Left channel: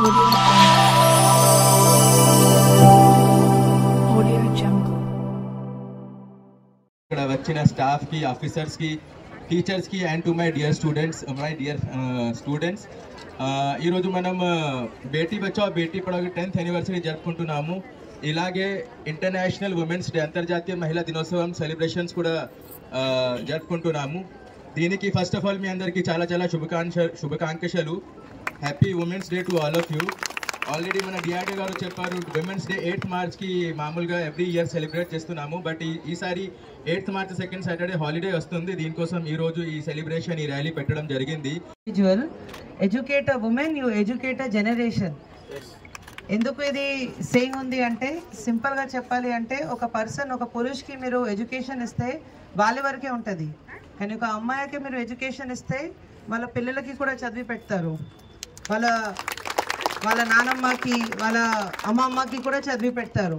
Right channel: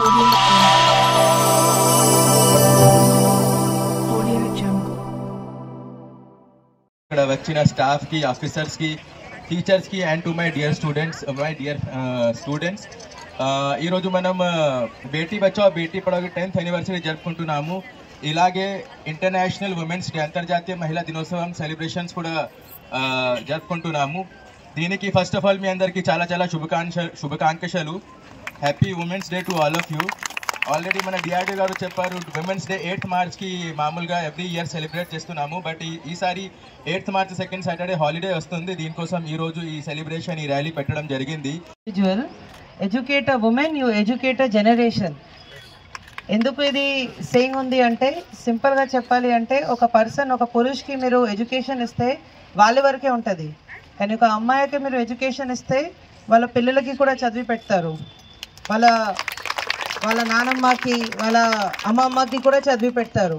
ఇక్కడ వచ్చిన స్టాఫ్ కి, ఆఫీసర్స్ కి, టీచర్స్ కి and to my dear students ఈ రోజు మనం బేటీ బచావో బేటీ పడావో 10th యానివర్సరీ జరుపుకుంటున్నాము. ఇలాగే ఇంటర్నేషనల్ ఉమెన్స్ డే, అంతర్జాతీయ మహిళా దినోత్సవం సెలబ్రేషన్స్ కూడా జరుపుకుంటున్నాము. దీనికి ఫస్ట్ ఆఫ్ ఆల్ మీ అందరికీ చాలా చాలా శుభాకాంక్షలు. Happy women's day to all of you. Already మన డిఆర్డీ గారు చెప్పారు, ఉమెన్స్ డే 8th మార్చ్కి మామూలుగా ఎవ్రీ ఇయర్ సెలబ్రేట్ చేస్తున్నాము. బట్ ఈసారి 8th March second Saturday holiday వస్తుంది. దీనికోసం ఈరోజు ఈ సెలబ్రేషన్, ఈ ర్యాలీ పెట్టడం జరిగింది. Educate a women, you educate a generation. ఎందుకు ఇది సేయింగ్ ఉంది అంటే, సింపుల్గా చెప్పాలి అంటే, ఒక పర్సన్, ఒక పురుషుకి మీరు ఎడ్యుకేషన్ ఇస్తే వాళ్ళ వరకే ఉంటుంది. కానీ ఒక అమ్మాయికి మీరు ఎడ్యుకేషన్ ఇస్తే వాళ్ళ పిల్లలకి కూడా చదివి పెడతారు. వాళ్ళ నానమ్మకి, వాళ్ళ అమ్మమ్మకి కూడా చదివి పెడతారు.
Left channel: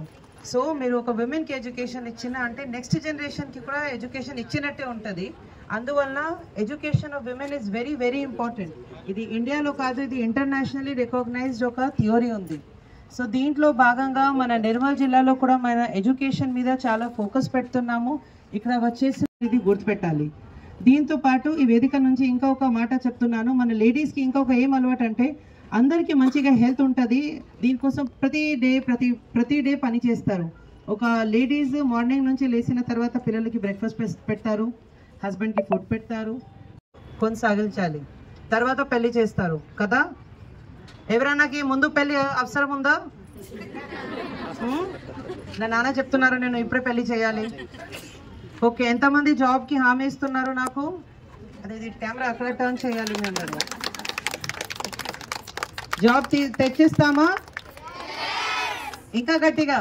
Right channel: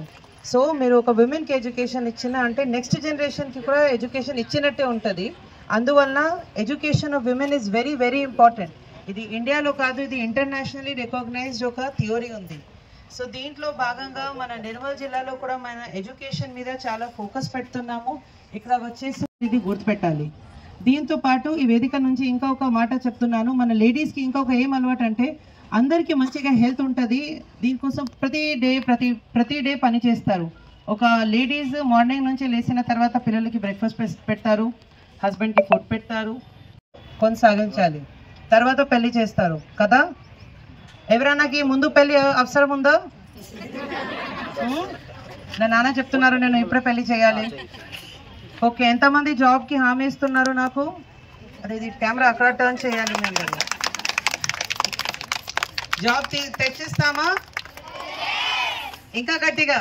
సో మీరు ఒక విమెన్కి ఎడ్యుకేషన్ ఇచ్చిన అంటే నెక్స్ట్ జనరేషన్కి కూడా ఎడ్యుకేషన్ ఇచ్చినట్టే ఉంటుంది. అందువలన education of women is very very important. ఇది ఇండియాలో కాదు, ఇది ఇంటర్నేషనల్లీ రికగ్నైజ్డ్ ఒక థియరీ ఉంది. సో దీంట్లో భాగంగా మన నిర్మల్ జిల్లాలో కూడా మన ఎడ్యుకేషన్ మీద చాలా ఫోకస్ పెడుతున్నాము. ఇక్కడ వచ్చేసి ఇది గుర్తుపెట్టాలి. దీంతో పాటు ఈ వేదిక నుంచి ఇంకొక మాట చెప్తున్నాను, మన లేడీస్కి ఇంకొక ఏం అలవాటు అంటే, అందరికీ మంచిగా హెల్త్ ఉంటుంది. దీనికోసం ప్రతి డే పని చేస్తారు. ఒక లేడీస్ మార్నింగ్ నుంచి లేచిన తర్వాత పిల్లలకి బ్రేక్ఫాస్ట్ పెడతారు, హస్బెండ్కి ఫుడ్ పెడతారు, కొనసాగించాలి. తర్వాత పెళ్లి చేస్తారు కదా. ఎవరైనాకి ముందు పెళ్లి అవసరం ఉందా? నా నాన్న చెప్తున్నారు నేను ఇప్పుడే పెళ్లి చేయాలి. ఓకే, ఎంతమంది జాబ్కి హామీ ఇస్తున్నారు నాకు? అదే ఇది కెమెరా అక్కడ టర్న్ చేయాలి. మేము జాబ్ తెచ్చిస్తామా? ఇంకా గట్టిగా.